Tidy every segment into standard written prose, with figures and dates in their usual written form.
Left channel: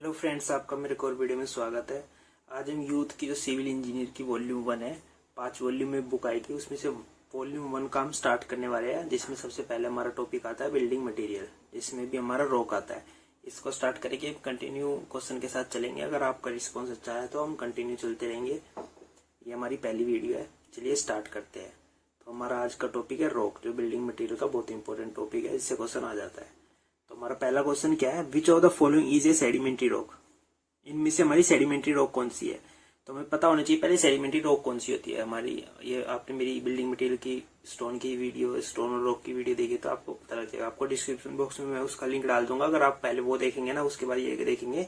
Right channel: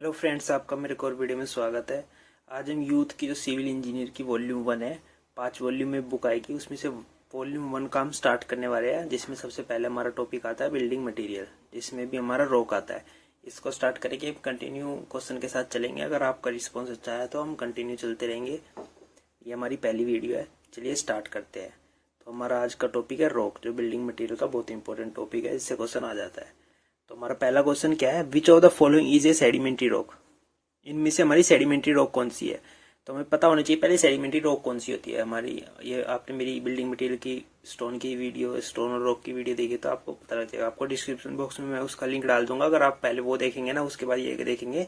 Hello friends, आपका मेरे को और वीडियो में स्वागत है। आज हम यूथ की जो सिविल इंजीनियर की वॉल्यूम 1 है, 5 वॉल्यूम में बुक आएगी, उसमें से वॉल्यूम 1 का हम स्टार्ट करने वाले हैं, जिसमें सबसे पहले हमारा टॉपिक आता है बिल्डिंग मटेरियल, जिसमें भी हमारा रॉक आता है। इसको स्टार्ट करेंगे, कंटिन्यू क्वेश्चन के साथ चलेंगे। अगर आपका रिस्पॉन्स अच्छा है तो हम कंटिन्यू चलते रहेंगे। ये हमारी पहली वीडियो है, चलिए स्टार्ट करते हैं। तो हमारा आज का टॉपिक है रॉक, जो बिल्डिंग मटेरियल का बहुत इंपॉर्टेंट टॉपिक है, इससे क्वेश्चन आ जाता है। तो हमारा पहला क्वेश्चन क्या है, विच of the following is a sedimentary rock. इनमें से हमारी सेडिमेंट्री रॉक कौन सी है। तो हमें पता होना चाहिए पहले सेडिमेंट्री रॉक कौन सी होती है हमारी। ये आपने मेरी बिल्डिंग मटेरियल की स्टोन की वीडियो, स्टोन और रॉक की वीडियो देखी तो आपको पता लग जाएगा। आपको डिस्क्रिप्शन बॉक्स में मैं उसका लिंक डाल दूंगा। अगर आप पहले वो देखेंगे ना, उसके बाद ये देखेंगे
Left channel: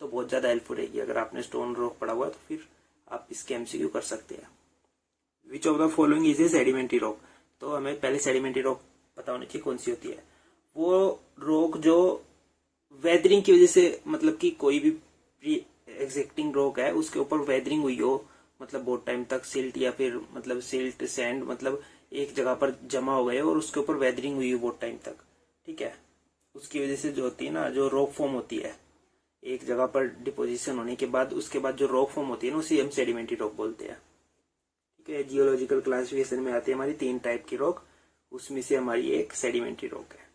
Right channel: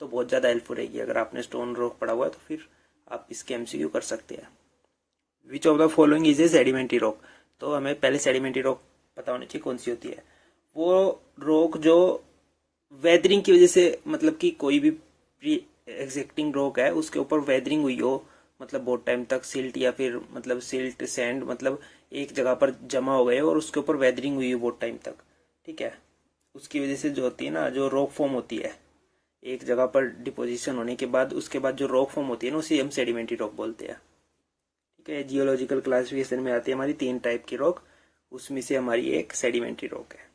तो बहुत ज्यादा हेल्पफुल रहेगी। अगर आपने स्टोन रॉक पढ़ा हुआ है तो फिर आप इसके एमसीक्यू कर सकते हैं। विच of the following is a sedimentary rock. तो हमें पहले सेडिमेंट्री रॉक पता होनी चाहिए कौन सी होती है। वो रॉक जो वेदरिंग की वजह से, मतलब कि कोई भी प्री एग्जिस्टिंग रॉक है उसके ऊपर वेदरिंग हुई हो, मतलब बहुत टाइम तक सिल्ट या फिर मतलब सिल्ट सैंड मतलब एक जगह पर जमा हो गए और उसके ऊपर वेदरिंग हुई हो बहुत टाइम तक, ठीक है। उसकी वजह से जो होती है ना, जो रॉक फॉर्म होती है एक जगह पर डिपोजिशन होने के बाद, उसके बाद जो रॉक फॉर्म होती है ना, उसे हम सेडिमेंट्री रॉक बोलते हैं, ठीक है। जियोलॉजिकल क्लासिफिकेशन में आती है हमारी 3 टाइप की रॉक, उसमें से हमारी एक सेडिमेंट्री रॉक है।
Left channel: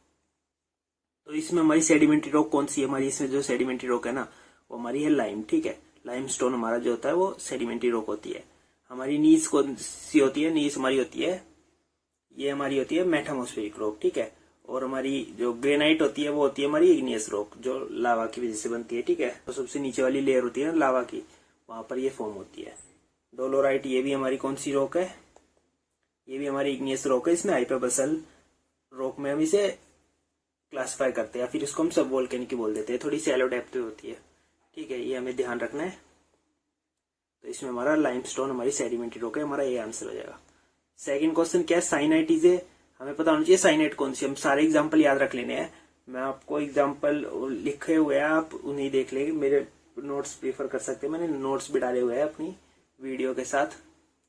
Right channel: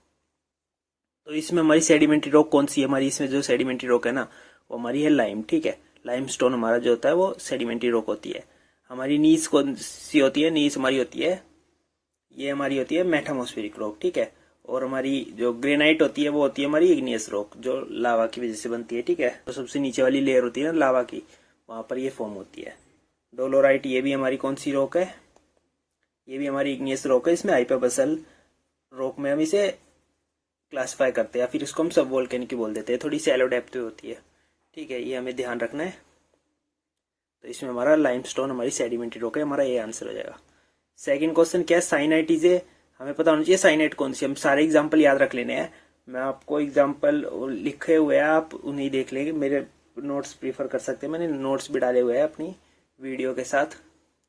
तो इसमें हमारी सेडिमेंट्री रॉक कौन सी है हमारी, इसमें जो सेडिमेंट्री रॉक है ना वो हमारी है लाइम, ठीक है। लाइम स्टोन हमारा जो होता है वो सेडिमेंट्री रॉक होती है। हमारी नीच कौन सी होती है, नीच हमारी होती है, ये हमारी होती है मेटामॉस्फेरिक रॉक, ठीक है। और हमारी जो ग्रेनाइट होती है वो होती है हमारी इग्नियस रॉक, जो लावा की वजह से बनती है, ठीक है। तो सबसे नीचे वाली लेयर होती है ना लावा की, वहां पर ये फॉर्म होती है। डोलोराइट, ये भी हमारी कौन सी रॉक है, ये भी हमारी इग्नियस रॉक है। इसमें हाइपरबसल रॉक में हम इसे क्लासिफाई करते हैं, फिर इसको हम सब वोल्केनिक बोल देते हैं, थोड़ी सैलो डेप्थ होती है, ठीक है। ये हमें ध्यान रखना है। तो इसमें हमारा लाइमस्टोन हमारी सेडिमेंट्री रॉक है, हमारा ये आंसर हो जाएगा। सेकंड क्वेश्चन क्या है, साइनाइट इज ए। हमें पता होना चाहिए साइनाइट कौन सी। हम सारे एग्जाम्पल याद रख लेने हैं। मैं आपको एग्जाम्पल लिखे हुए हैं, आप उन्हें देख लेंगे। मेरे नोट्स प्रीफर कर सकते हैं, मैंने नोट्स भी डाले हुए हैं अपनी वीडियो के साथ,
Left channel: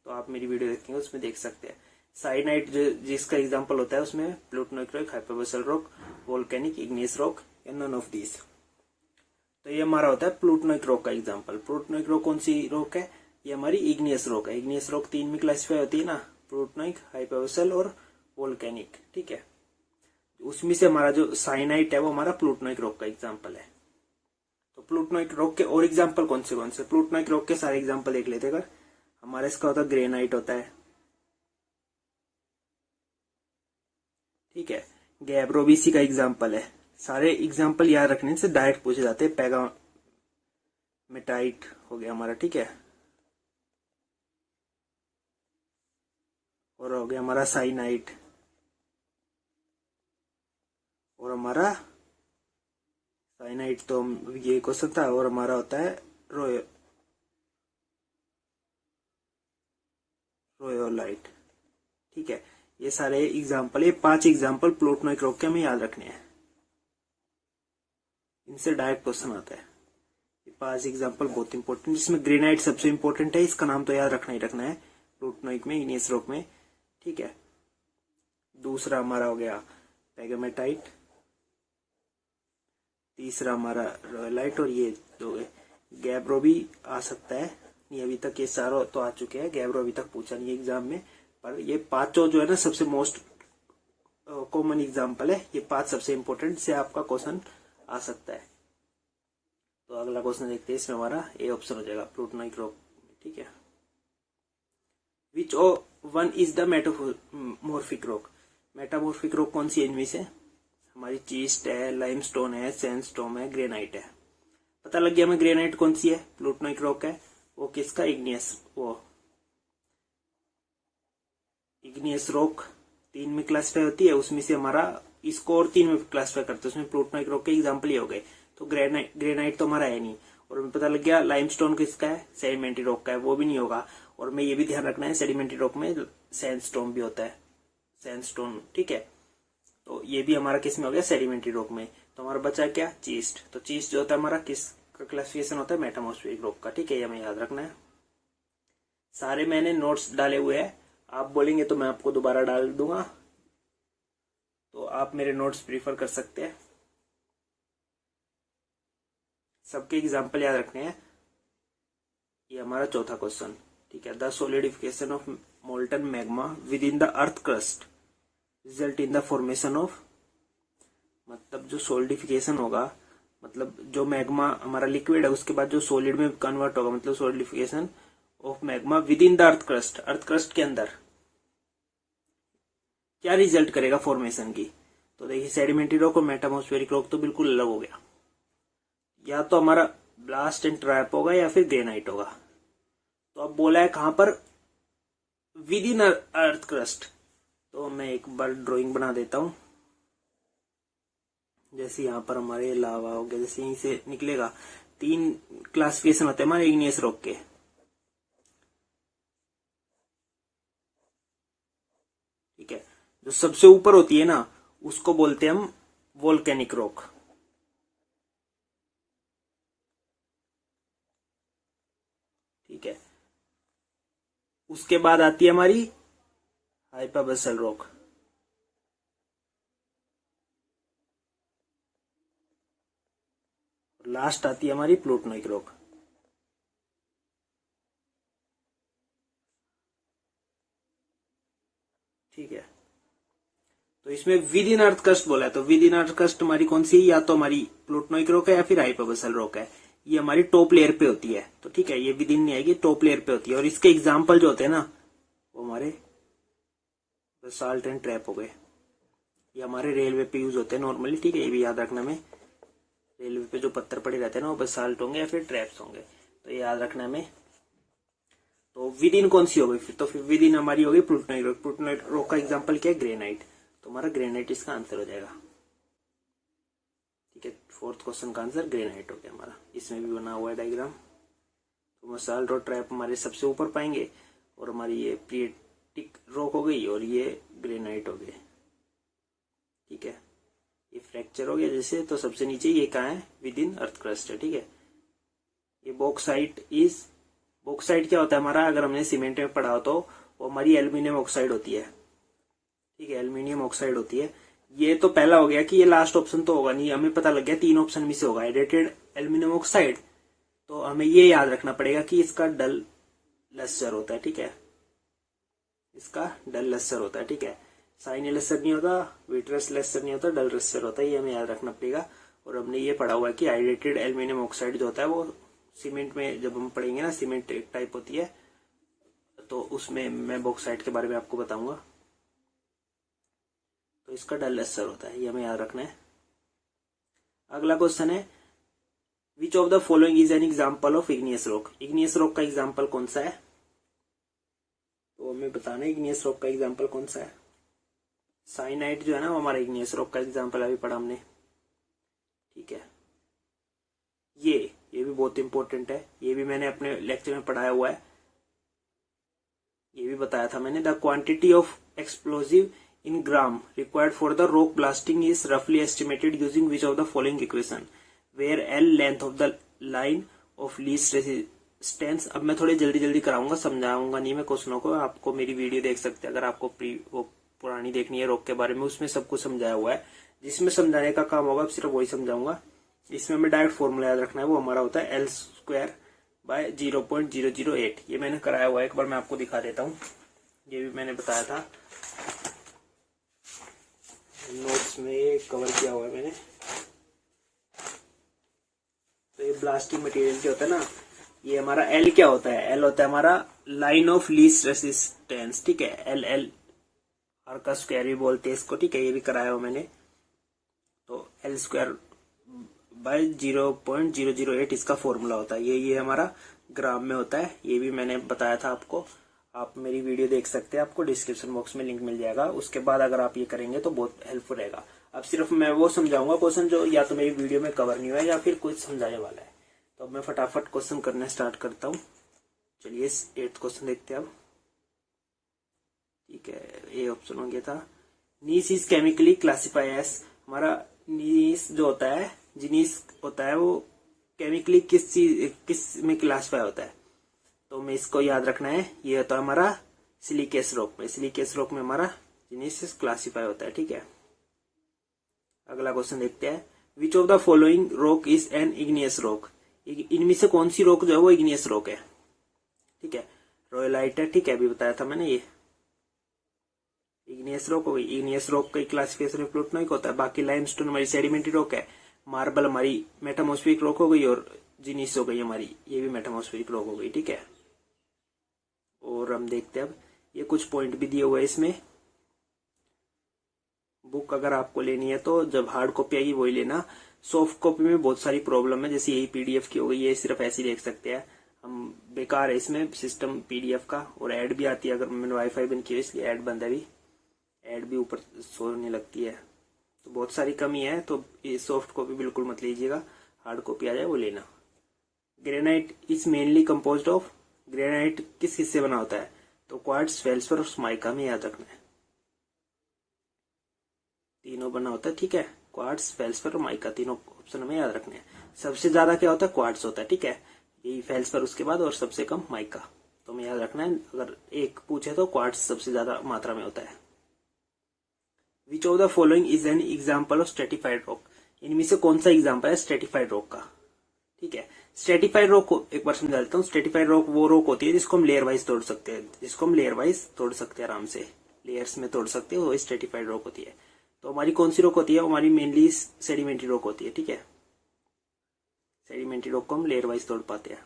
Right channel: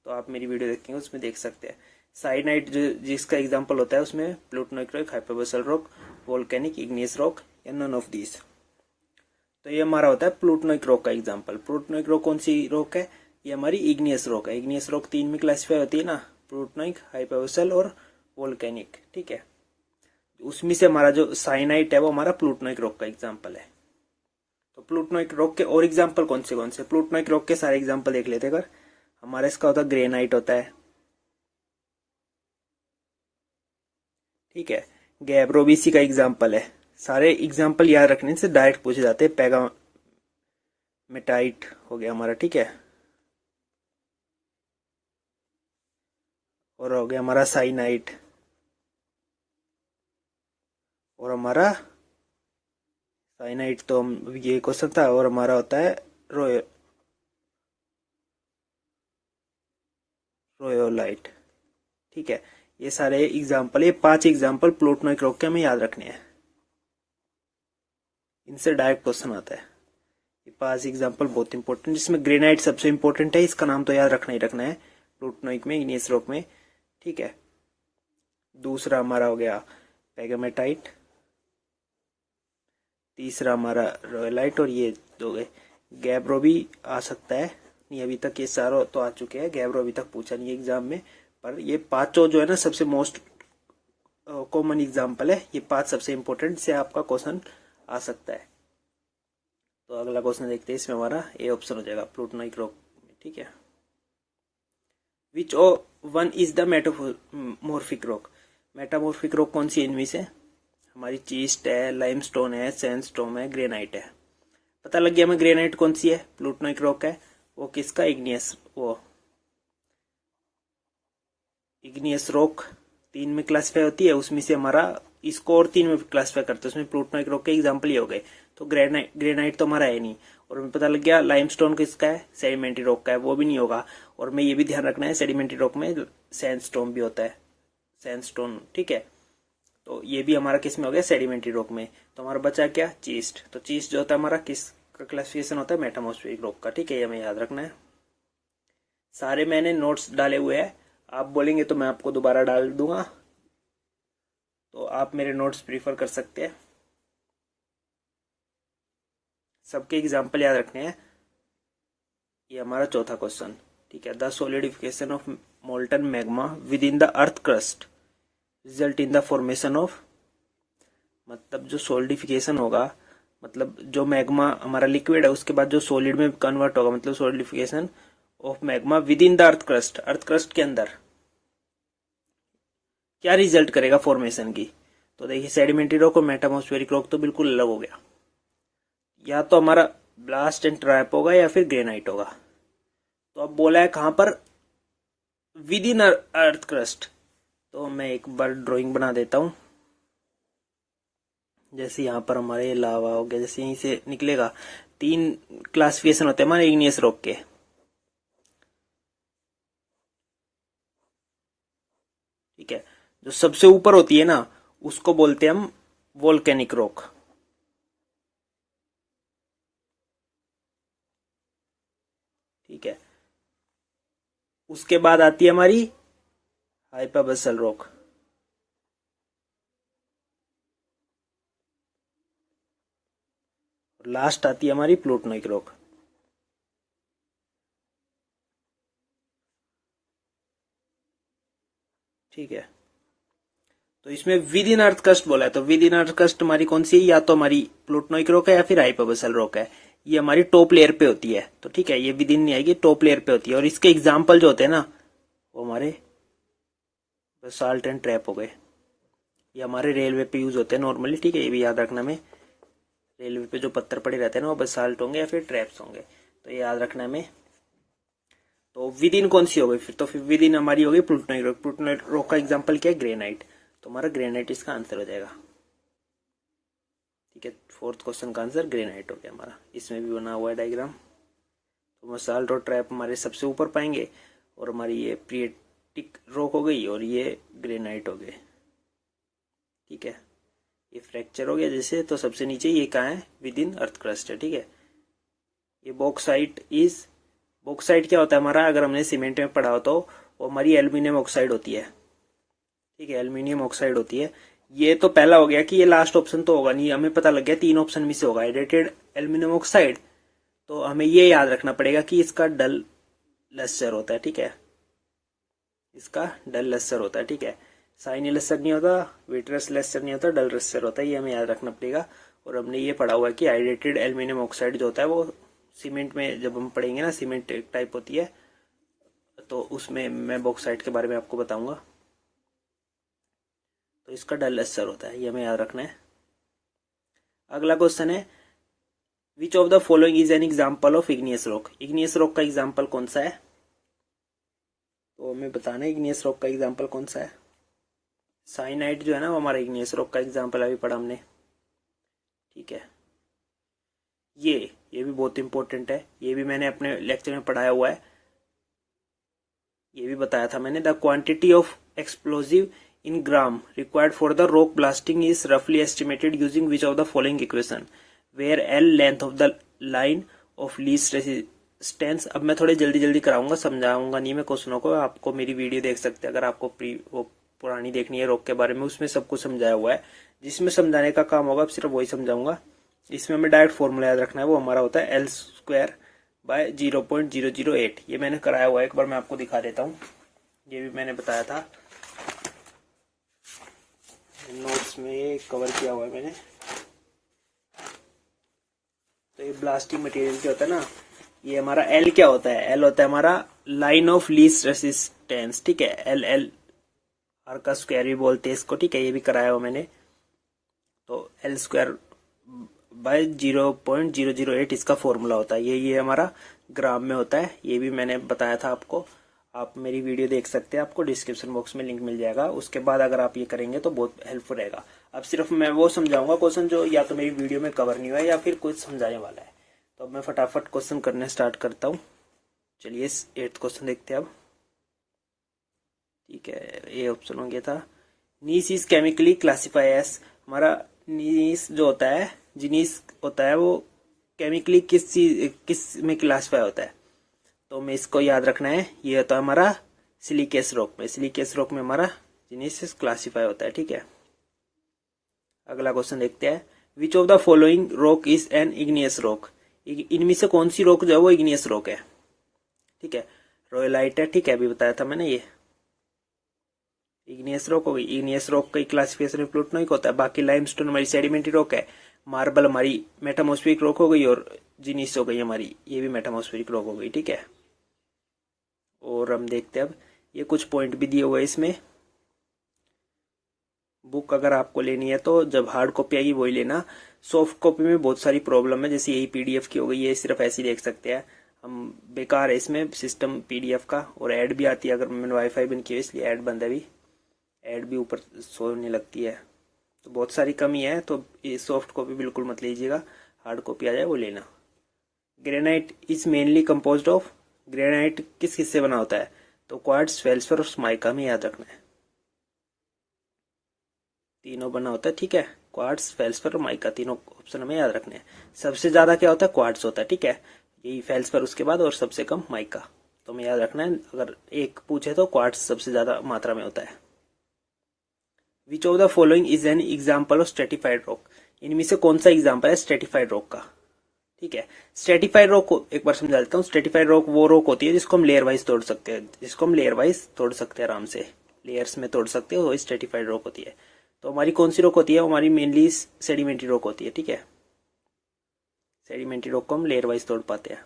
तो आप मेरी वीडियो देखेंगे उसमें देख सकते हैं। साइनाइट जो जिसका एग्जाम्पल होता है उसमें plutonic rock, hyperbasal rock, volcanic, igneous rock या नन ऑफ दीज। तो ये हमारा होता है प्लूटोनिक रॉक का एग्जांपल। प्लूटोनिक रॉक कौन सी रॉक है, ये हमारी इग्नियस रॉक है। इग्नियस रॉक 3 में क्लासिफाई होती है ना, प्लूटोनिक, हाइपरबसल और वोल्केनिक, ठीक है। उसमें से हमारा जो साइनाइट है वो हमारा प्लूटोनिक रॉक का एग्जांपल है। तो प्लूटोनिक रॉक के और एग्जांपल कौन से प्लूटोनिक रॉक के सारे एग्जांपल देख लेते हैं। अगर हमारा इसका होता है ग्रेनाइट होता है, ठीक है। गैब्रो भी इसी का एग्जांपल है। सारे एग्जांपल याद रखने से डायरेक्ट पूछे जाते हैं। पेगामेटाइट हो गया हमारा, ठीक है। और हो गया हमारा साइनाइट, और हमारा साइनाइट तो हम ये क्वेश्चन था। और हमारा होता है रोयोलाइट, ठीक है। ये सारे एग्जांपल, ये 5 एग्जांपल प्लूटोनिक रॉक के हमें याद रखने हैं, इनसे डायरेक्ट क्वेश्चन आता है। ये 5 एग्जांपल बहुत इंपॉर्टेंट, जिसमें ग्रेनाइट सबसे इंपॉर्टेंट है, इसका नाम तो याद रखना ही रखना है प्लूटोनिक में, इग्नियस रॉक में, ठीक है। दूसरा हमारा हो गया पेगामेटाइट, तीसरा हमारा रॉयलाइट, और ये दो गए। गैब्रो भी आ सकता है, नहीं अभी तक ये सारा तो आ चुके हैं, गैब्रो अभी तक पूछा नहीं है एग्जाम में। पर ये 5 जो है ना सबसे मोस्ट कॉमन एग्जाम्पल है, ये 5 सबसे इंपॉर्टेंट से आपका क्वेश्चन आ सकता है। तो अगला क्वेश्चन देखते हैं, इसमें हमारा ए ऑप्शन हो जाएगा प्लूटोनिक रॉक, ठीक है। Which one is the metamorphic rock. Metamorphic rock कौन सी है इनमें से, हमारी चीस्ट है, लाइमस्टोन है, सैंडस्टोन है, ग्रेनाइट है। पता लग गया हमें ग्रेनाइट कौन सी है, प्लूटोनिक रॉक है। वो किसका, इग्नियस रॉक 3 में क्लासिफाई होती है, उसमें से हमारा इसको और 3 में क्लासिफाई करते हैं, उसमें प्लूटोनिक रॉक के एग्जाम्पल ये हो गए। तो ग्रेनाइट तो हमारा है नहीं। और हमें पता लग गया लाइमस्टोन किसका है, सेडिमेंट्री रॉक का है, वो भी नहीं होगा। और हमें ये भी ध्यान रखना है सेडिमेंट्री रॉक में सैंडस्टोन भी होता है, सैंडस्टोन, ठीक है। तो ये भी हमारा किस में हो गया, सेडिमेंट्री रॉक में। तो हमारा बचा क्या, चीस्ट। तो चीस्ट जो होता है हमारा किस का क्लासिफिकेशन होता है, मेटामॉर्फिक रॉक का, ठीक है। ये हमें याद रखना है। सारे मैंने नोट्स डाले हुए हैं, आप बोलेंगे तो मैं आपको दोबारा डाल दूंगा, तो आप मेरे नोट्स प्रीफर कर सकते हैं। सबके एग्जाम्पल याद रखने हैं। ये हमारा चौथा क्वेश्चन, ठीक है। The solidification of molten magma with in the earth crust result in the formation of, मतलब जो सोलिडिफिकेशन होगा, मतलब जो मैग्मा हमारा लिक्विड है उसके बाद जो सॉलिड में कन्वर्ट होगा, मतलब solidification of magma with in the earth crust के अंदर क्या रिजल्ट करेगा फॉर्मेशन की। तो देखिए सेडिमेंट्री रॉक और मेटामॉस्फेरिक रॉक तो बिल्कुल अलग हो गया, या तो हमारा ब्लास्ट एंड ट्रैप होगा या फिर ग्रेनाइट होगा। तो अब बोला है कहां पर, विद इन अर्थ क्रस्ट। तो मैं एक बार ड्राइंग बना देता हूं। जैसे यहां पर हमारे लावा हो गया, जैसे यहीं से निकलेगा। 3 क्लासिफिकेशन होते हैं हमारे इग्नियस रॉक के, ठीक है। जो सबसे ऊपर होती है ना उसको बोलते हैं हम वोल्केनिक रॉक, ठीक है। उसके बाद आती है हमारी हाइपरबसल रॉक, लास्ट आती है हमारी प्लूटोनिक रॉक, ठीक है। तो इसमें विद इन अर्थ क्रस्ट बोला है, तो विद इन अर्थ क्रस्ट हमारी कौन सी है, या तो हमारी प्लूटोनिक रॉक है या फिर हाइपरबसल रॉक है। ये हमारी टॉप लेयर पे होती है, तो ठीक है, ये विद इन नहीं आएगी, टॉप लेयर पे होती है। और इसके एग्जाम्पल जो होते हैं ना वो हमारे बेसाल्ट एंड ट्रैप हो गए। ये हमारे रेलवे पे यूज होते हैं नॉर्मली, ठीक है। ये भी याद रखना में, रेलवे पे जो पत्थर पड़े रहते हैं ना वो बेसाल्ट होंगे या फिर ट्रैप्स होंगे, तो ये याद रखना में। तो विद इन कौन सी हो गई फिर, तो फिर विद इन हमारी हो गई प्लूटोनिक रॉक। प्लूटोनिक रॉक का एग्जाम्पल क्या है, ग्रेनाइट। तो हमारा ग्रेनाइट इसका आंसर हो जाएगा, ठीक है। 4th क्वेश्चन का आंसर ग्रेनाइट हो गया हमारा। इसमें भी बना हुआ है डायग्राम। तो बेसाल्ट और ट्रैप हमारे सबसे ऊपर पाएंगे, और हमारी ये प्रिएटिक रॉक हो गई और ये ग्रेनाइट हो गए, ठीक है। ये फ्रैक्चर हो गया जैसे, तो सबसे नीचे ये कहाँ है, विद इन अर्थ क्रस्ट है, ठीक है। ये बॉक्साइट क्या होता है हमारा, अगर हमने सीमेंट में पढ़ा हो तो वो हमारी एल्यूमिनियम ऑक्साइड होती है, ठीक है। एल्यूमिनियम ऑक्साइड होती है। ये तो पहला हो गया कि ये लास्ट ऑप्शन तो होगा नहीं, हमें पता लग गया 3 ऑप्शन में से होगा हाइड्रेटेड एल्यूमिनियम ऑक्साइड। तो हमें ये याद रखना पड़ेगा कि इसका डल लस्टर होता है, ठीक है। इसका डल लस्टर होता है, ठीक है। साइनी लस्टर नहीं होता, विट्रस लस्टर नहीं होता, डल लस्टर होता है, ये हमें याद रखना पड़ेगा। और हमने ये पढ़ा हुआ है कि हाइड्रेटेड एल्यूमिनियम ऑक्साइड जो होता है वो सीमेंट में जब हम पढ़ेंगे ना, सीमेंट एक टाइप होती है, तो उसमें मैं बॉक्साइट के बारे में आपको बताऊंगा। तो इसका डल लस्टर होता है, ये हमें याद रखना है। अगला क्वेश्चन है, विच of the following is an example of igneous rock. Igneous rock का एग्जाम्पल कौन सा है, तो हमें बताना है इग्नियस रॉक का एग्जाम्पल कौन सा है। साइनाइट जो है ना वो हमारा इग्नियस रॉक का एग्जाम्पल अभी पढ़ा हमने, ठीक है। ये भी बहुत इंपॉर्टेंट है, ये भी मैंने अपने लेक्चर में पढ़ाया हुआ है, ये भी बताया था मैंने। The quantity of explosive in gram required for the rock blasting is रफली estimated using which of the following equation, where L length of the line of least resistance. अब मैं थोड़े जल्दी कराऊंगा, समझाऊंगा नहीं मैं क्वेश्चनों को, आपको मेरी वीडियो देख सकते हैं अगर आपको वो पुरानी देखनी है रॉक के बारे में, उसमें सब कुछ समझाया हुआ है। जिसमें समझाने का काम होगा सिर्फ वही समझाऊंगा। इसमें हमें डायरेक्ट फॉर्मूला याद रखना है, वो हमारा होता है L² बाय 0.008। ये मैंने कराया हुआ है, एक बार मैं आपको दिखा देता हूँ। ये भी मैंने बताया था नोट्स में, ये कवर किया हुआ है मैंने। तो ये ब्लास्टिंग मटेरियल क्या होता है ना, ये हमारा L क्या होता है, L होता है हमारा लाइन ऑफ लीस्ट रेसिस्टेंस, ठीक है। L आर का स्क्वायर भी बोलते हैं इसको, ठीक है। ये भी कराया हुआ मैंने। तो L² बाय 0.008 इसका फॉर्मूला होता है। ये हमारा ग्राम में होता है, ये भी मैंने बताया था आपको। आप मेरी वीडियो देख सकते हैं, आपको डिस्क्रिप्शन बॉक्स में लिंक मिल जाएगा। उसके बाद अगर आप ये करेंगे तो बहुत हेल्पफुल रहेगा। अब सिर्फ मैं वो समझाऊंगा क्वेश्चन जो या तो मेरी वीडियो में कवर नहीं हुआ है या फिर कुछ समझाने वाला है। तो अब मैं फटाफट क्वेश्चन करने स्टार्ट करता हूँ। चलिए 8th क्वेश्चन देखते हैं अब, ठीक है। ये ऑप्शन हो गया था, gneiss is chemically classify as. हमारा नीस जो होता है, जिनीस होता है, वो केमिकली किस में क्लासिफाई होता है। तो हमें इसको याद रखना है, ये होता है हमारा सिलिकेस रॉक में। सिलिकेस रॉक में हमारा जिनीस क्लासिफाई होता है, ठीक है। अगला क्वेश्चन देखते हैं, विच of the following rock is an igneous rock. इनमें से कौन सी रॉक जो है वो इग्नियस रॉक है, ठीक है। रॉयलाइट है, ठीक है, अभी बताया था मैंने, ये इग्नियस रॉक हो गई। इग्नियस रॉक का क्लासिफिकेशन में प्लूटोनाइक होता है। बाकी लाइमस्टोन हमारी सेडिमेंट्री रॉक है, मार्बल हमारी मेटामॉर्फिक रॉक हो गई, और जीनीस हो गई हमारी, ये भी मेटामॉर्फिक रॉक हो गई, ठीक है। और हम देखते हैं अब, ये कुछ पॉइंट भी दिए हुए इसमें। बुक अगर आपको लेनी है तो जब हार्ड कॉपी आएगी वही लेना। सॉफ्ट कॉपी में बहुत सारी प्रॉब्लम है, जैसे यही पीडीएफ की हो गई, ये सिर्फ ऐसे ही देख सकते हैं हम, बेकार है इसमें सिस्टम पीडीएफ का। और ऐड भी आती है, अगर मैंने वाईफाई बंद किया इसलिए ऐड बंद है अभी, ऐड भी ऊपर शो होने लगती है, तो बहुत सारी कमी है। तो ये सॉफ्ट कॉपी बिल्कुल मत लीजिएगा, हार्ड कॉपी आ जाए वो लेना। Granite is mainly composed of, granite किस किस से बना होता है, तो क्वार्ट्ज, फेल्सफर और माइका में याद रखना है, तीनों बना होता है, ठीक है। क्वार्ट्ज, फेल्सफर और माइका, तीनों ऑप्शन हमें याद रखने हैं। सबसे ज्यादा क्या होता है, क्वार्ट्ज होता है, ठीक है, यही फेल्सफर उसके बाद, और सबसे कम माइका, तो हमें याद रखना है। अगर एक पूछे तो क्वार्ट्ज सबसे ज्यादा मात्रा में होता है। विच of the following is an example of stratified rock, इनमें से कौन सा एग्जाम्पल है स्ट्रेटिफाइड रॉक का, ठीक है। स्ट्रेटिफाइड रॉक को एक बार समझा देता हूँ। स्ट्रेटिफाइड रॉक वो रॉक होती है जिसको हम लेयर वाइज तोड़ सकते हैं, आराम से लेयर्स में तोड़ सकते हो, वही स्ट्रेटिफाइड रॉक होती है। तो हमारी कौन सी रॉक होती है, हमारी मेनली सेडिमेंट्री रॉक होती है, ठीक है। सेडिमेंट्री रॉक को हम लेयर वाइज तोड़ पाते हैं।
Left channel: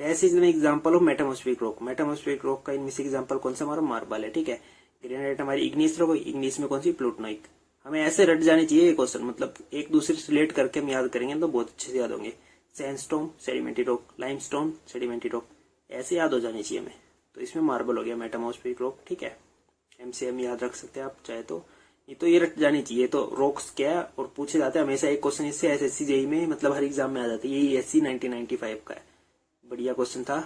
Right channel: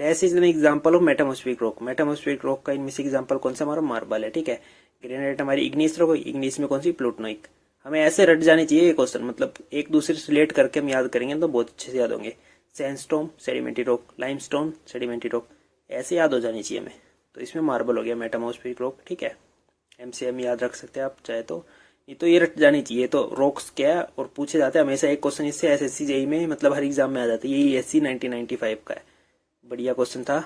Dash is an example of metamorphic rock, metamorphic rock का इनमें से एग्जाम्पल कौन सा, हमारा मार्बल है, ठीक है। ग्रेनाइट हमारी इग्नियस रॉक, इग्नियस में कौन सी, प्लूटोनाइक। हमें ऐसे रट जाने चाहिए ये क्वेश्चन, मतलब एक दूसरे से रिलेट करके हम याद करेंगे तो बहुत अच्छे से याद होंगे। Sandstone sedimentary rock, limestone sedimentary rock, ऐसे याद हो जानी चाहिए हमें। तो इसमें मार्बल हो गया मेटामॉर्फिक रॉक, ठीक है। एमसीएम याद रख सकते हैं आप चाहे तो, ये तो ये रट जानी चाहिए। तो रॉक्स क्या है और पूछे जाते हैं हमेशा, एक क्वेश्चन इससे एसएससी जेईई में, मतलब हर एग्जाम में आ जाता है। यही एससी 1995 का है, बढ़िया क्वेश्चन था।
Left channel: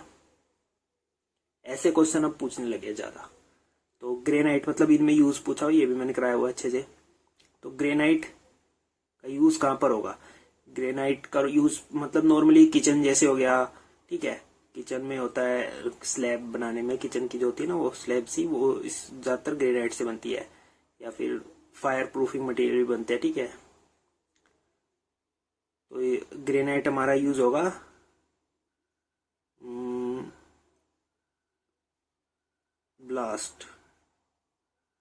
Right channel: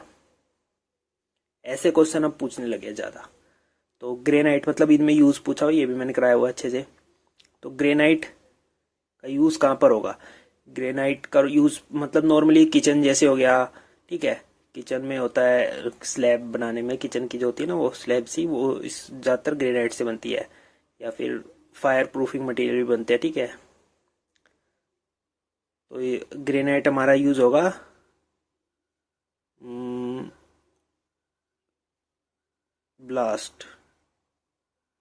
ऐसे क्वेश्चन अब पूछने लगे ज्यादा। तो ग्रेनाइट मतलब इनमें यूज पूछा हुआ, ये भी मैंने कराया हुआ अच्छे से। तो ग्रेनाइट का यूज कहाँ पर होगा, ग्रेनाइट का यूज मतलब नॉर्मली किचन जैसे हो गया, ठीक है। किचन में होता है, स्लैब बनाने में किचन की जो होती है ना वो स्लैब सी, वो इस ज्यादातर ग्रेनाइट से बनती है, या फिर फायर प्रूफिंग मटेरियल भी बनते हैं, ठीक है। तो ये ग्रेनाइट हमारा यूज होगा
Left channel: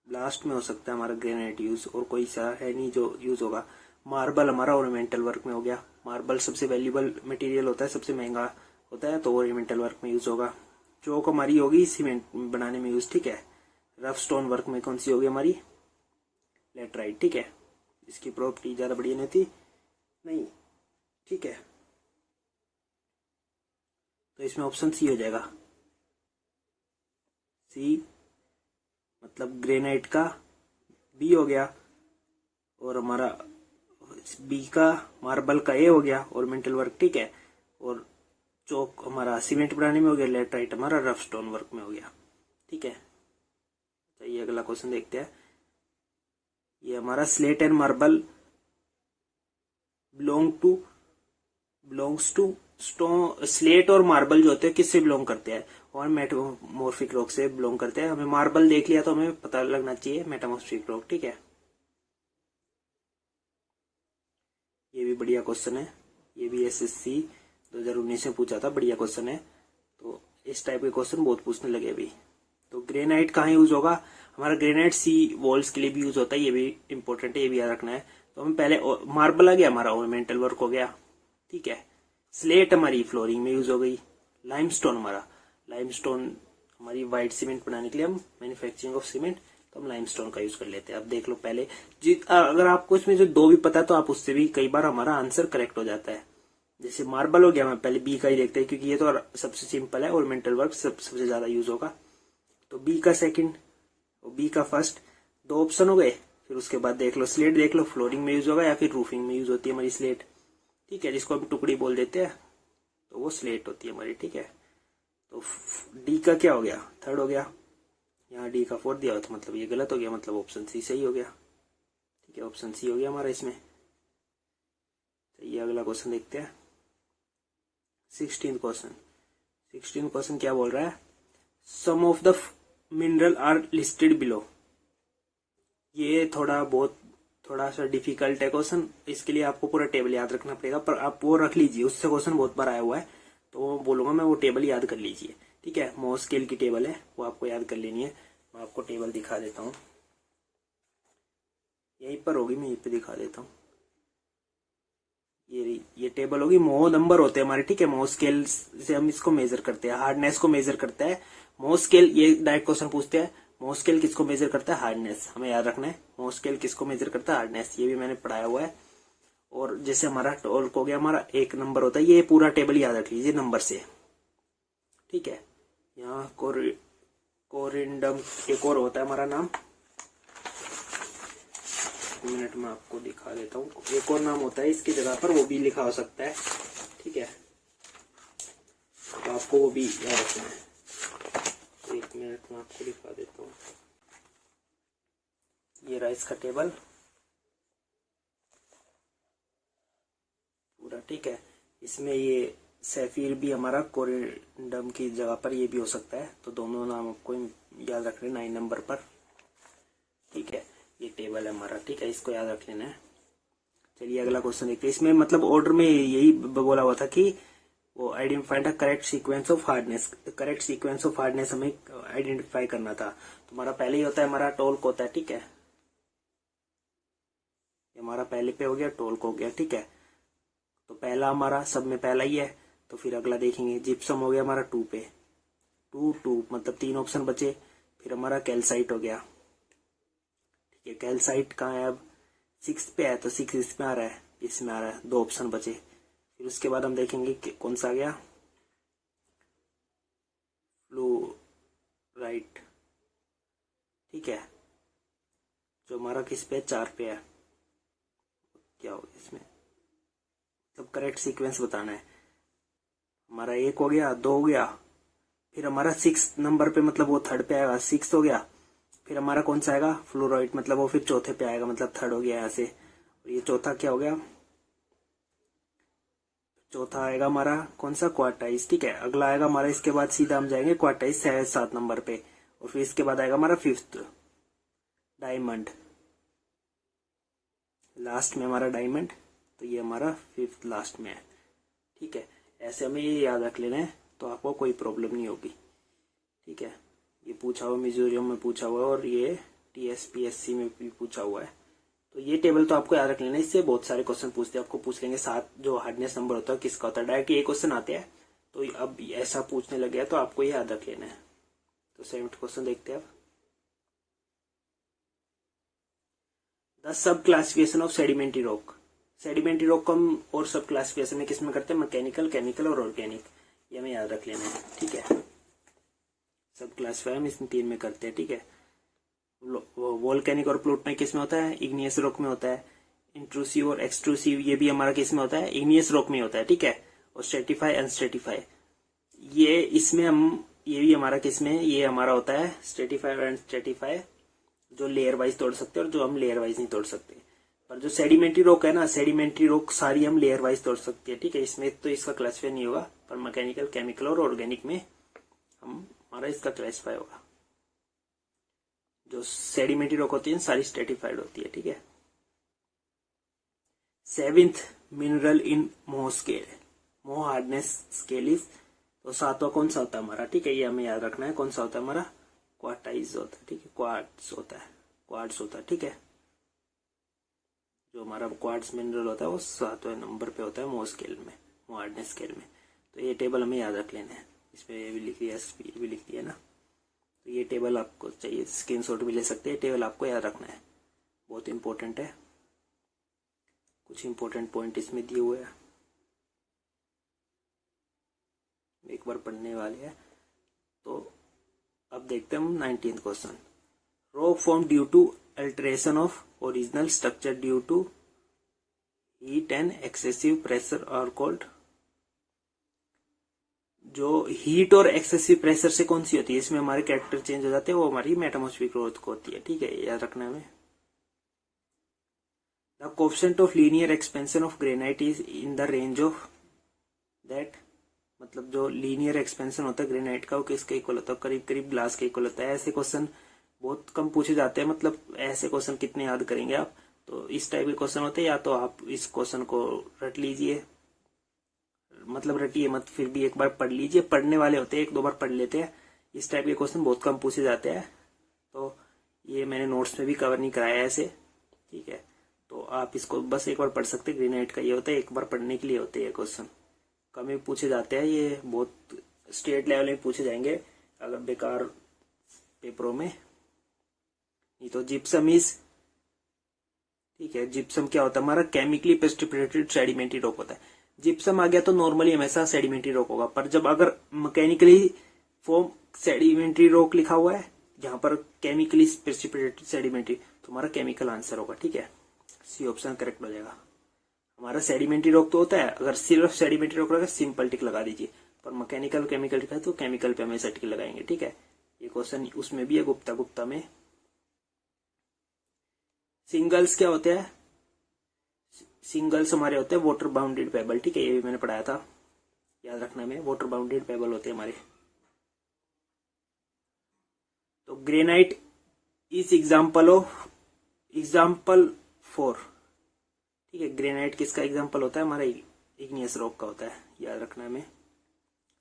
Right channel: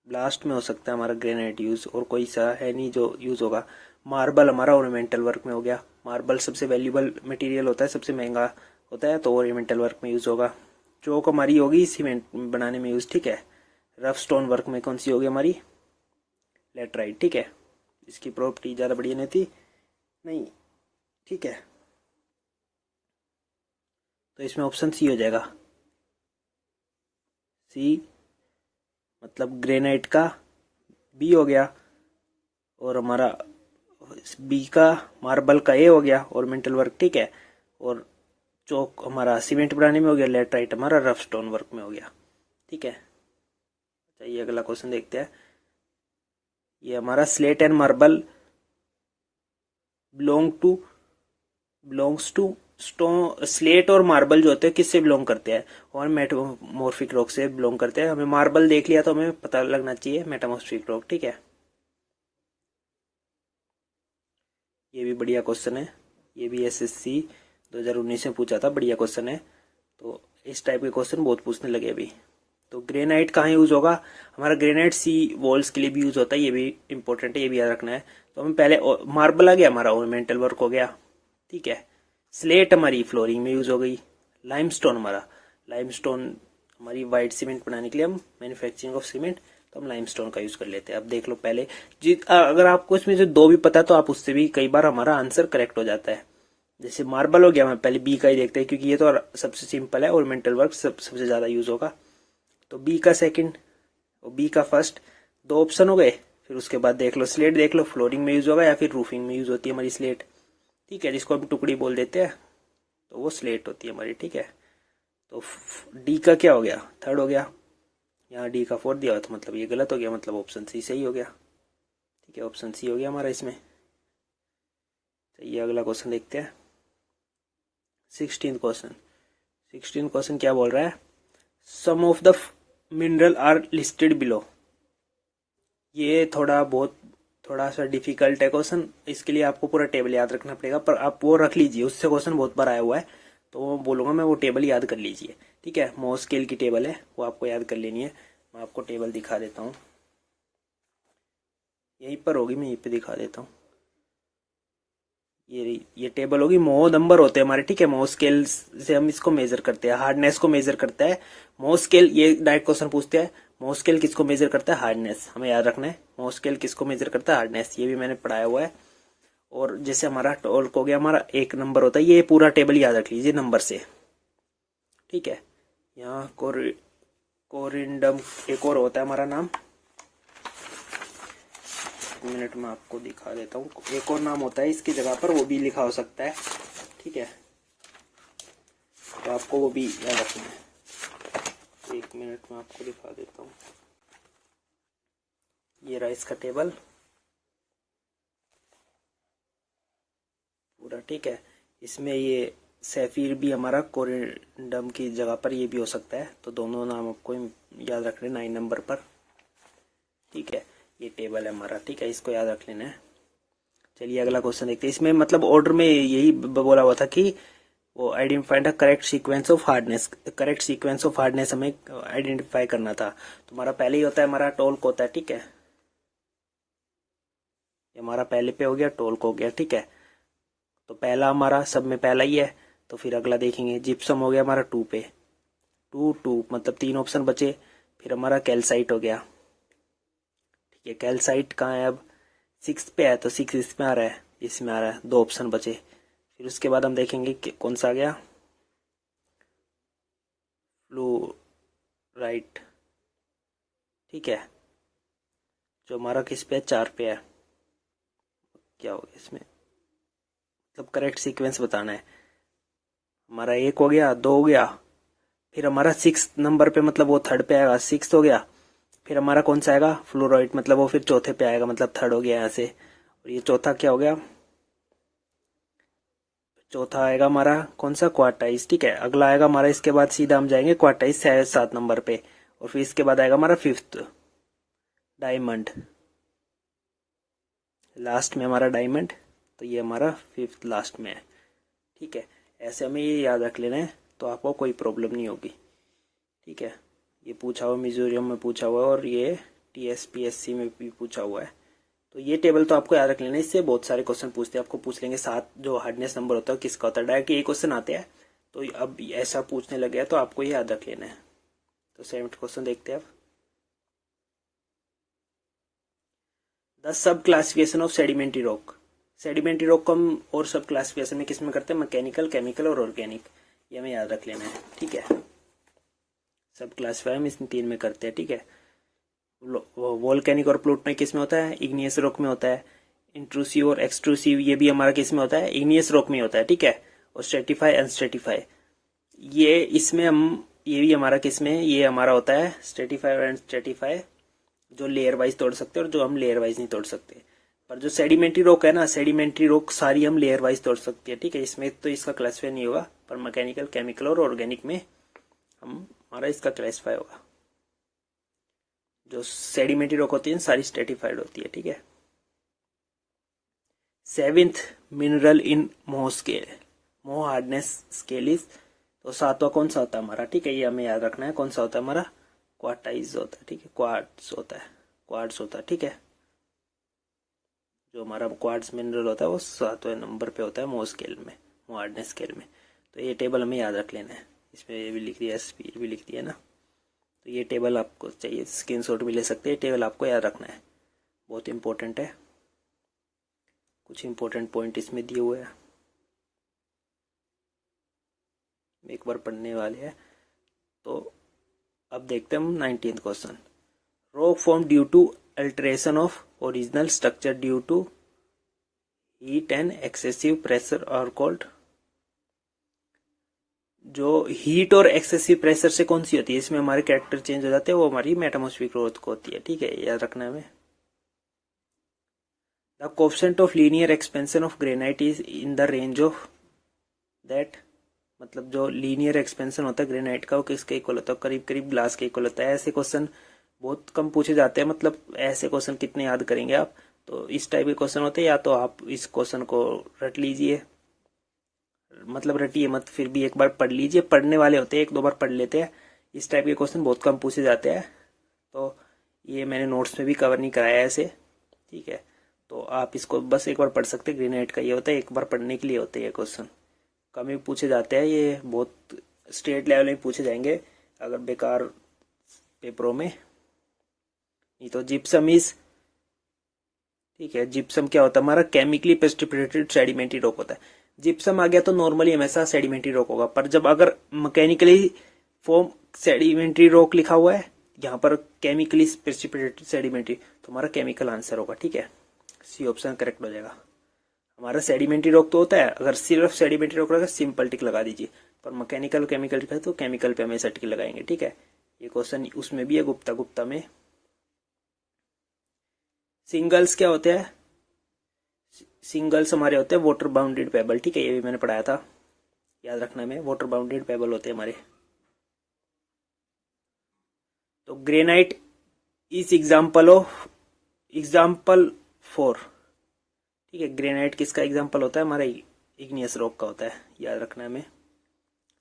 ब्लास्ट में हो सकता है हमारा ग्रेनाइट यूज, और कोई सा है नहीं जो यूज होगा। मार्बल हमारा ओरिएंटल वर्क में हो गया, मार्बल सबसे वैल्यूबल मटेरियल होता है, सबसे महंगा होता है, तो ओरिएंटल वर्क में यूज होगा। चौक हमारी होगी सीमेंट बनाने में यूज, ठीक है। रफ स्टोन वर्क में कौन सी होगी हमारी, लेटराइट, ठीक है। इसकी प्रॉपर्टी ज्यादा बढ़िया नहीं थी, नहीं, ठीक है। तो इसमें ऑप्शन सी हो जाएगा, सी मतलब ग्रेनाइट का बी हो गया, और हमारा बी का मार्बल का ए हो गया ओरिएंटल वर्क, ठीक है। और चौक हमारा सीमेंट बनाने में हो गया, लेटराइट हमारा रफ स्टोन वर्क में हो गया, ठीक है। ये अगला क्वेश्चन देखते हैं। ये हमारा slate and marble belongs to stone, slate और मार्बल जो होते हैं किससे बिलोंग करते हैं, और मेटामॉर्फिक रॉक से बिलोंग करते हैं। हमें मार्बल देख लिया तो हमें पता लगना चाहिए मेटामॉर्फिक रॉक, ठीक है। ये भी बढ़िया क्वेश्चन है, ये भी एसएससी 2019 में पूछा था, बढ़िया क्वेश्चन है। तो इस टाइप के क्वेश्चन बहुत पूछने लगे अभी। तो ग्रेनाइट कहाँ यूज होगा, हमारा ग्रेनाइट सी वॉल्स के लिए भी यूज होता है, ये भी इंपॉर्टेंट है, ये भी याद रखना है। तो हमें पहले मार्बल आ गया, हमारा ओरिएंटल वर्क हो गया, ठीक है। स्लेट हमारी फ्लोरिंग में यूज हो गई। लाइमस्टोन हमारी वाइट सीमेंट बनाने के लिए, हम मैन्युफैक्चरिंग ऑफ सीमेंट, तो हम लाइमस्टोन का यूज कर लेते हैं। अब देख लो पहले अगर आपको इसमें से दो भी पता तो आप उससे भी कई बार हमारा आंसर करेक्ट हो जाता है। जैसे मार्बल हो गया, मैं पहले बी का ही देखते हैं क्योंकि ये तो सबसे सिंपल है, ओरिएंटल वर्क सबसे ज्यादा यूज होगा। तो बी का सेकंड और बी का फर्स्ट, दो ऑप्शन हो गए। फिर उसके बाद देख लो स्लेट, देख लो फ्लोरिंग में यूज होगा या फिर रूफिंग में यूज होती है हमारी स्लेट, ठीक है, जिसको हम टुकड़ी बोल देते हैं, तो वो स्लेट होती है हमारी, ठीक है। तो डी का क्या हो गया, थर्ड हो गया, यहाँ डी का फोर्थ दिया हुआ था, मतलब ये गलत हो गया, मतलब ऑप्शन सी सही हो गया, ठीक है। ऑप्शन सी हो गया हमारा इसमें। ये अगला क्वेश्चन देखते हैं, 16th क्वेश्चन क्या बोल रहा है, some of the mineral are listed below. ये थोड़ा थोड़ा सा डिफिकल्ट है क्वेश्चन, इसके लिए आपको पूरा टेबल याद रखना पड़ेगा, पर आप वो रख लीजिए, उससे क्वेश्चन बहुत बार आया हुआ है, तो बोलूंगा मैं वो टेबल याद कर लीजिए। ठीक है, मोस स्केल की टेबल है, वो आपको याद कर लेनी है। मैं आपको टेबल दिखा देता हूँ, यहीं पर होगी, मैं यहीं पे दिखा देता हूँ। ये टेबल होगी, मोह नंबर होते हैं हमारे। ठीक है, मोह स्केल से हम इसको मेजर करते हैं, हार्डनेस को मेजर करता है मोह स्केल। ये डायरेक्ट क्वेश्चन पूछते हैं, मोह स्केल किसको मेजर करता है? हार्डनेस। हमें याद रखना है मोह स्केल किसको मेजर करता है? हार्डनेस। ये भी मैंने पढ़ाया हुआ है। और जैसे हमारा टॉर्क हो गया, हमारा एक नंबर होता है, ये पूरा टेबल याद रख लीजिए नंबर से। ठीक है, यहाँ कोरिंडम एक और होता है हमारा नाम, मिनट में आपको दिखा देता हूँ। एक और नाम होता है इसकी जगह पर, वो भी लिखा हो सकता है। ठीक है, तो आपको वो भी याद रखना है। एक मिनट में आपको दिखा देता हूँ। ये रहा इसका टेबल पूरा। ठीक है, इसमें ये सैफीर भी हमारा कोरिंडम की जगह पर ये भी हो सकता है, तो दोनों नाम आपको याद रखने 9 नंबर पर। ठीक है, ये टेबल है हमारा। ठीक है, इसको याद रख लेना है। चलिए अगला क्वेश्चन देखते हैं। इसमें मतलब ऑर्डर में यही बोला हुआ था कि वो identify the correct sequence of hardness. Correct sequence of hardness हमें आइडेंटिफाई करना था। तो हमारा पहले ही होता है हमारा टोल्क होता है। ठीक है, ये हमारा पहले पे हो गया, टोल्क हो गया। ठीक है, तो पहला हमारा सब में पहला ही है, तो फिर अगला देखेंगे। जिप्सम हो गया हमारा 2 पे, 2 मतलब 3 ऑप्शन बचे। फिर हमारा कैल्साइट हो गया। ठीक है, कैल्साइट कहाँ है? अब 6 पे है, तो 6 इसमें आ रहा है, इसमें आ रहा है, 2 ऑप्शन बचे। फिर उसके बाद हम देखेंगे कि कौन सा आ गया, फ्लोराइट। ठीक है, जो हमारा किस पे है? 4 पे है। क्या होगा इसमें? मतलब करेक्ट सीक्वेंस बताना है। हमारा 1 हो गया, 2 हो गया, फिर हमारा 6 नंबर पे, मतलब वो थर्ड पे आएगा, 6 हो गया। फिर हमारा कौन सा आएगा? फ्लोराइड, मतलब वो फिर चौथे पे आएगा, मतलब थर्ड हो गया यहाँ से। और ये चौथा क्या हो गया? चौथा आएगा हमारा कौन सा? क्वार्टाइज। ठीक है, अगला आएगा हमारा, इसके बाद सीधा हम जाएंगे क्वार्टाइज 7 नंबर पे, और फिर इसके बाद आएगा हमारा 5th डायमंड, लास्ट में हमारा डायमंड। तो ये हमारा 5th लास्ट में है। ठीक है, ऐसे हमें ये याद रख लेना है, तो आपको कोई प्रॉब्लम नहीं होगी। ठीक है, ये पूछा हुआ मिजोरम में पूछा हुआ, और ये TSPSC में भी पूछा हुआ है। तो ये टेबल तो आपको याद रख लेना है, इससे बहुत सारे क्वेश्चन पूछते हैं। आपको पूछ लेंगे 7 जो हार्डनेस नंबर होता है किसका होता है, डायरेक्ट ये क्वेश्चन आते हैं। तो अब ऐसा पूछने लग गया, तो आपको ये याद रख लेना है। तो 7th क्वेश्चन देखते हैं अब। The sub classification of sedimentary rock. Sedimentary rock को हम और सब क्लासिफिकेशन में किस में करते हैं? मैकेनिकल, केमिकल और ऑर्गेनिक। ये हमें याद रख लेना है। ठीक है, सब क्लासिफाई हम इसमें 3 में करते हैं। ठीक है, वोल्केनिक और प्लूटोनिक किस में होता है? इग्नियस रॉक में होता है। इंट्रूसिव और एक्सट्रूसिव ये भी हमारा किस में होता है? इग्नियस रॉक में होता है। ठीक है, और स्ट्रेटिफाई, अनस्ट्रेटिफाई ये इसमें हम, ये भी हमारा किस में? ये हमारा होता है स्ट्रेटिफाई और अनस्ट्रेटिफाई, जो लेयर वाइज तोड़ सकते हैं और जो हम लेयर वाइज नहीं तोड़ सकते। पर जो सेडिमेंट्री रॉक है ना, सेडिमेंट्री रॉक सारी हम लेयर वाइज तोड़ सकते हैं। ठीक है, इसमें तो इसका क्लासिफाई नहीं होगा, पर मैकेनिकल, केमिकल और ऑर्गेनिक में हमारा इसका क्लासिफाई होगा। जो सेडिमेंट्री रॉक होती है सारी स्ट्रेटिफाइड होती है। ठीक है, 7th मिनरल इन मोह स्केल, मोह हार्डनेस स्केल इज, तो 7वां कौन सा होता है हमारा? ठीक है, ये हमें याद रखना है, कौन सा होता है हमारा? क्वार्टाइज होता है। ठीक है, क्वार्ट्स होता है, क्वार्ट्स होता है। ठीक है, जो हमारा क्वार्ट्स मिनरल होता है वो 7वें नंबर पे होता है मोह स्केल में, मोह हार्डनेस स्केल में। तो ये टेबल हमें याद रख लेना है। इसमें ये भी लिख दिया, स्पीड भी लिख दिया ना। तो ये टेबल आपको चाहिए, स्क्रीनशॉट भी ले सकते हैं। टेबल आपको याद रखना है, बहुत इंपॉर्टेंट है। कुछ इंपॉर्टेंट पॉइंट इसमें दिए हुए हैं, एक बार पढ़ने वाले हैं। तो अब देखते हैं हम 19th question. Rock form due to alteration of original structure due to heat and excessive pressure और कोल्ड। जो हीट और एक्सेसिव प्रेशर से कौन सी होती है? इसमें हमारे कैरेक्टर चेंज हो जाते हैं, वो हमारी मेटामॉस्फेरिक ग्रोथ को होती है। ठीक है, याद रखना है हमें। The coefficient of linear expansion of granite is in the range of that, मतलब जो लीनियर एक्सपेंशन होता है ग्रेनाइट का वो किसके इक्वल होता है? करीब करीब ग्लास के इक्वल होता है। ऐसे क्वेश्चन बहुत कम पूछे जाते हैं, मतलब ऐसे क्वेश्चन कितने याद करेंगे आप? तो इस टाइप के क्वेश्चन होते हैं, या तो आप इस क्वेश्चन को रट लीजिए, मतलब रटिए मत, फिर भी एक बार पढ़ लीजिए, पढ़ने वाले होते हैं, एक दो बार पढ़ लेते हैं। इस टाइप के क्वेश्चन बहुत कम पूछे जाते हैं, तो ये मैंने नोट्स में भी कवर नहीं कराया ऐसे, ठीक है। तो आप इसको बस एक बार पढ़ सकते हैं। ग्रेनाइट का ये होता है, एक बार पढ़ने के लिए होते हैं ये क्वेश्चन, कम ही पूछे जाते हैं, ये बहुत स्टेट लेवल में पूछे जाएंगे अगर बेकार पेपरों में, नहीं तो जिप्सम इज, ठीक है। जिप्सम क्या होता है हमारा, केमिकली प्रेसिपिटेटेड सेडिमेंट्री रॉक होता है। जिप्सम आ गया तो नॉर्मली हमेशा सेडिमेंट्री रॉक होगा, पर जब अगर मैकेनिकली फॉर्म सेडिमेंट्री रॉक लिखा हुआ है, यहाँ पर केमिकली प्रेसिपिटेटेड सेडिमेंट्री, तो हमारा केमिकल आंसर होगा, ठीक है। सी ऑप्शन करेक्ट हो जाएगा। हमारा सेडिमेंट्री रॉक तो होता है, अगर सिर्फ सेडिमेंट्री रॉक रहेगा सिंपल टिक लगा दीजिए, पर मैकेनिकल केमिकल लिखा है तो केमिकल पे हमेशा टिक लगाएंगे, ठीक है। ये क्वेश्चन उसमें भी है, गुप्ता में। सिंगल्स क्या होते हैं, सिंगल्स हमारे होते हैं वाटर बाउंडेड पेबल, ठीक है, ये भी मैंने पढ़ाया था, याद रखना में, वाटर बाउंडेड पेबल होते हैं हमारे। तो ग्रेनाइट इज एग्जाम्पल फॉर, ठीक है। ग्रेनाइट किसका एग्जाम्पल होता है, हमारा इग्नियस रॉक का होता है, याद रखना में।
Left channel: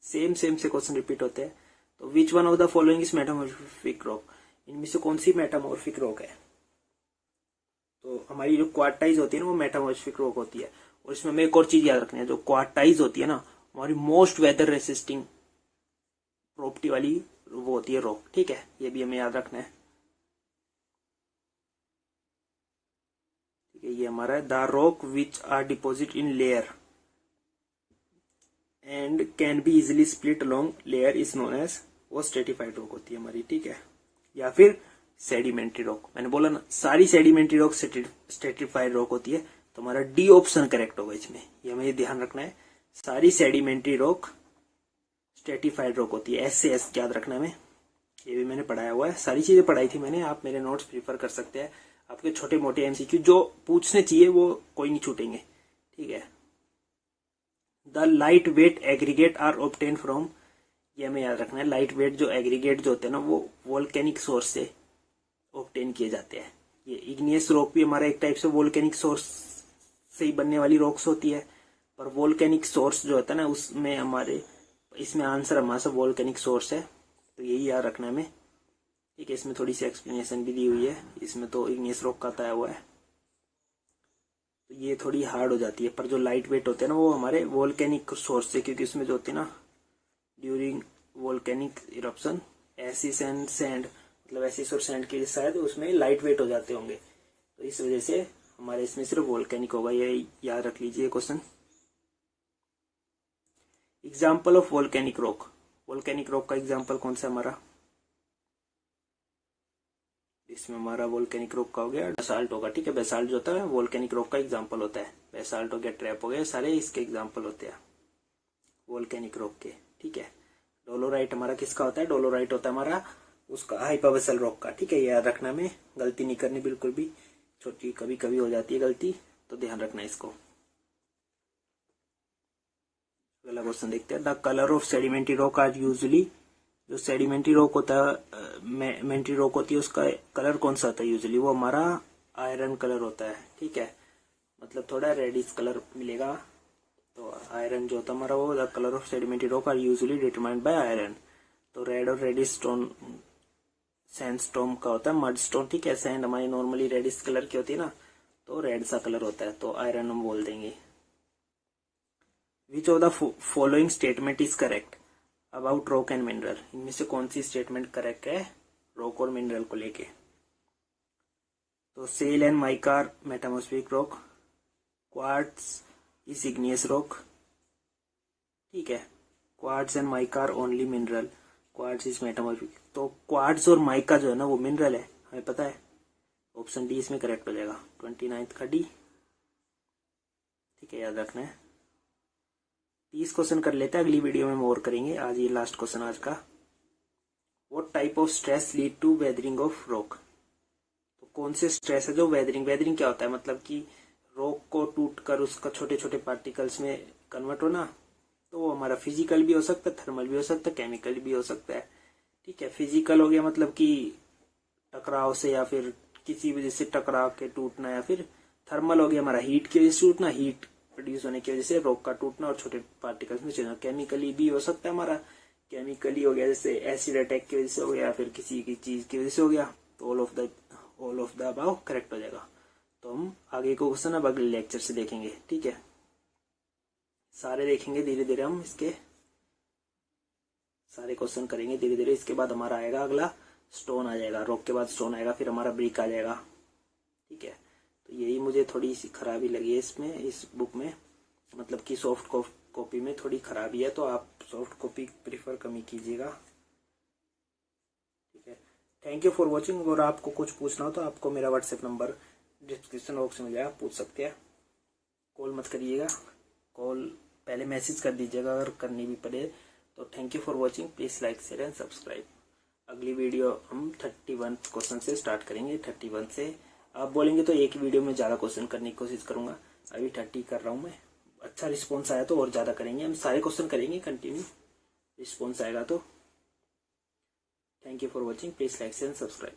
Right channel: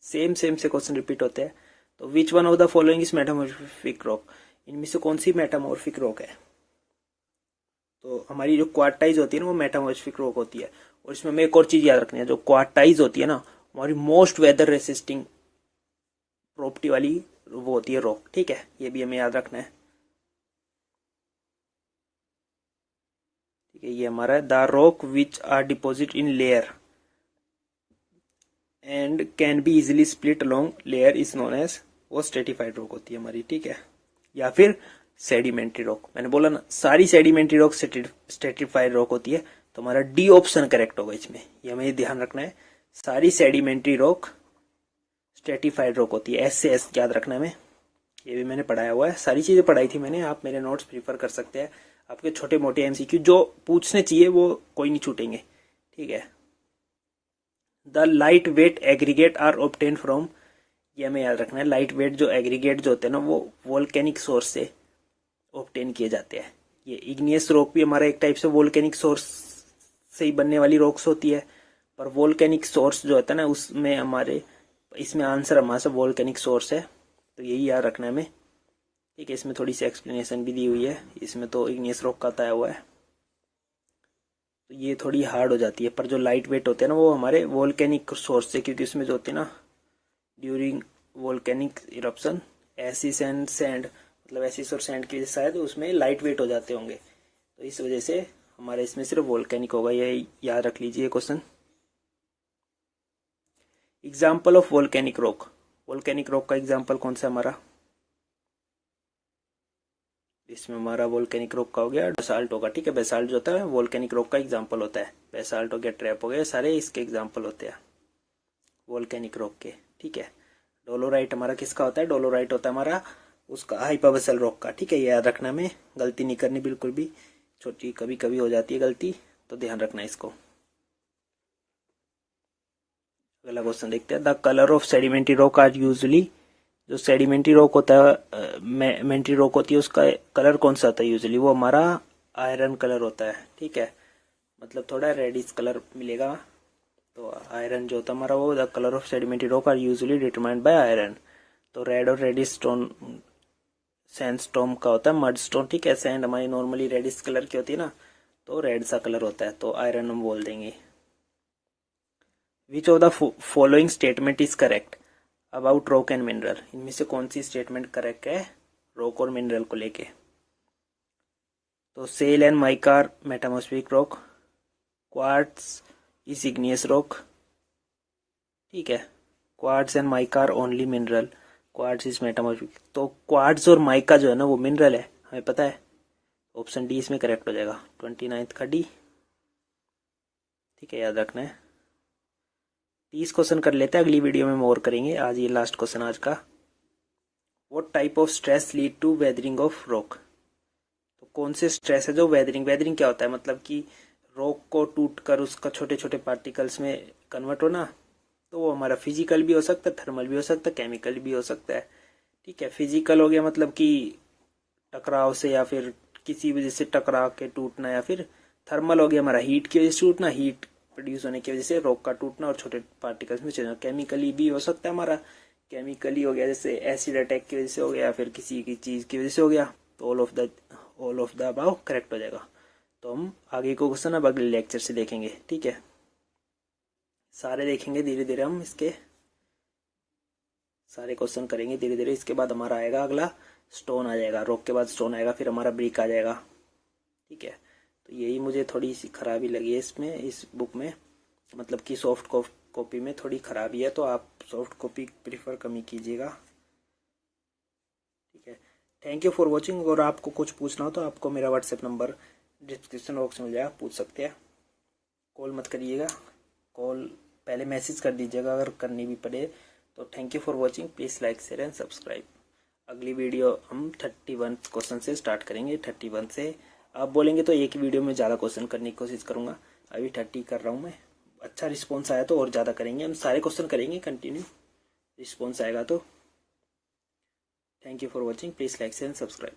सेम से क्वेश्चन रिपीट होते हैं। तो which one of the following is metamorphic rock, इनमें से कौन सी मेटामॉर्फिक रॉक है, तो हमारी जो क्वार्टाइज होती है ना वो मेटामॉर्फिक रॉक होती है। और इसमें हमें एक और चीज याद रखनी है, जो क्वार्टाइज होती है ना हमारी मोस्ट वेदर रेसिस्टिंग प्रॉपर्टी वाली वो होती है रॉक, ठीक है, ये भी हमें याद रखना है, ठीक है। ये हमारा है the rock which are deposit in layer and can be easily split along layer is known as, वो स्ट्रेटिफाइड रॉक होती है हमारी, ठीक है। या फिर सेडिमेंट्री रॉक, मैंने बोला ना सारी सेडिमेंट्री रॉक स्ट्रेटिफाइड रॉक होती है, तो हमारा डी ऑप्शन करेक्ट होगा इसमें, ये हमें ध्यान रखना है। सारी सेडिमेंट्री रॉक स्ट्रेटिफाइड रॉक होती है, एस से एस याद रखना है, ये भी मैंने पढ़ाया हुआ है, सारी चीजें पढ़ाई थी मैंने, आप मेरे नोट्स प्रीफर कर सकते हैं। आपके छोटे मोटे एमसीक्यू जो पूछने चाहिए वो कोई नहीं छूटेंगे, ठीक है। The light weight aggregate are obtain from, ये हमें याद रखना है, लाइट वेट जो एग्रीगेट जो होते हैं ना वो वोल्केनिक सोर्स से ऑब्टेन किए जाते हैं। ये इग्नियस रॉक भी हमारा एक टाइप से वोल्केनिक सोर्स से ही बनने वाली रॉक्स होती है, पर वोल्केनिक सोर्स जो होता है ना उसमें हमारे, इसमें आंसर हमारा सब वोल्केनिक सोर्स है, तो यही याद रखना है हमें, ठीक है। इसमें थोड़ी सी एक्सप्लेनेशन भी दी हुई है, इसमें तो इग्नियस रॉक का बताया हुआ है, तो ये थोड़ी हार्ड हो जाती है, पर जो लाइट वेट होते हैं ना वो हमारे वोल्केनिक सोर्स से, क्योंकि इसमें जो होते हैं ना during volcanic eruption ashes and sand, मतलब एसिस और सैंड के शायद उसमें लाइट वेट हो जाते होंगे, तो इस वजह से हमारे इसमें सिर्फ वोल्केनिक होगा, ये याद रख लीजिए question. Example of volcanic rock, volcanic rock का एग्जाम्पल कौन सा हमारा, इसमें हमारा वोल्केनिक रॉक का हो गया बेसाल्ट होगा, ठीक है। बेसाल्ट जो होता है वोल्केनिक रॉक का एग्जाम्पल होता है, बेसाल्ट हो गया, ट्रैप हो गया, सारे इसके एग्जाम्पल होते हैं वोल्केनिक रॉक के, ठीक है। डोलोराइट हमारा किसका होता है, डोलोराइट होता है हमारा उसका हाइपरबेसल रॉक का, ठीक है, याद रखना में, गलती नहीं करनी बिल्कुल भी, छोटी कभी कभी हो जाती है गलती, तो ध्यान रखना इसको। अगला क्वेश्चन देखते हैं, the colour of sedimentary rock are usually, जो सेडिमेंट्री रॉक होता है मेंट्री रॉक होती है उसका कलर कौन सा होता है यूजुअली, वो हमारा आयरन कलर होता है, ठीक है, मतलब थोड़ा रेडिश कलर मिलेगा, तो आयरन जो होता है हमारा वो, the colour of sedimentary rock are usually determined by iron, तो रेड और रेडिश स्टोन सैंडस्टोन का होता है, मड स्टोन, ठीक है, सैंड हमारी नॉर्मली रेडिश कलर की होती है ना, तो रेड सा कलर होता है, तो आयरन हम बोल देंगे। Which of the following statement is correct about rock and mineral, इनमें से कौन सी स्टेटमेंट करेक्ट है रॉक और मिनरल को लेके, तो shale and mica metamorphic rock, quartz is igneous rock, ठीक है, quartz and mica only mineral, quartz is metamorphic, तो क्वार्ट्ज और माइका जो है ना वो मिनरल है, हमें पता है, ऑप्शन डी इसमें करेक्ट हो जाएगा, 29 का डी, ठीक है, याद रखना है। 30 क्वेश्चन कर लेते हैं, अगली वीडियो में और करेंगे, आज ये लास्ट क्वेश्चन आज का। What type of stress lead to weathering of rock, तो कौन से स्ट्रेस है जो वेदरिंग, वेदरिंग क्या होता है, मतलब कि रॉक को टूट कर उसका छोटे छोटे पार्टिकल्स में कन्वर्ट होना, तो वो हमारा फिजिकल भी हो सकता है, थर्मल भी हो सकता है, केमिकल भी हो सकता है, ठीक है। फिजिकल हो गया मतलब कि टकराव से या फिर किसी वजह से टकरा के टूटना, या फिर थर्मल हो गया हमारा, हीट की वजह से टूटना, हीट प्रोड्यूस होने की वजह से रॉक का टूटना और छोटे पार्टिकल्स में चेंज होना। केमिकली भी हो सकता है हमारा, केमिकली हो गया जैसे एसिड अटैक की वजह से हो गया, या फिर किसी की चीज की वजह से हो गया, तो all of the above correct हो जाएगा। तो हम आगे को क्वेश्चन अब अगले लेक्चर से देखेंगे, ठीक है। सारे देखेंगे धीरे धीरे, हम इसके सारे क्वेश्चन करेंगे धीरे धीरे। इसके बाद हमारा आएगा अगला स्टोन आ जाएगा, रॉक के बाद स्टोन आएगा, फिर हमारा ब्रिक आ जाएगा, ठीक है। तो यही मुझे थोड़ी सी खराबी लगी है इसमें, इस बुक में, मतलब कि सॉफ्ट कॉपी में थोड़ी खराबी है, तो आप सॉफ्ट कॉपी प्रीफर कम ही कीजिएगा, ठीक है। Thank you for watching. अगर आपको कुछ पूछना हो तो आपको मेरा व्हाट्सएप नंबर डिस्क्रिप्शन बॉक्स में मिल जाएगा, पूछ सकते हैं। कॉल मत करिएगा, कॉल पहले मैसेज कर दीजिएगा अगर करनी भी पड़े तो। Thank you for watching, please like share and subscribe. अगली वीडियो हम 31 क्वेश्चन से स्टार्ट करेंगे। 31 से आप बोलेंगे तो एक वीडियो में ज़्यादा क्वेश्चन करने की कोशिश करूंगा। अभी 30 कर रहा हूँ मैं, अच्छा रिस्पॉन्स आया तो और ज़्यादा करेंगे, हम सारे क्वेश्चन करेंगे कंटिन्यू, रिस्पॉन्स आएगा तो। Thank you for watching, please like share and subscribe.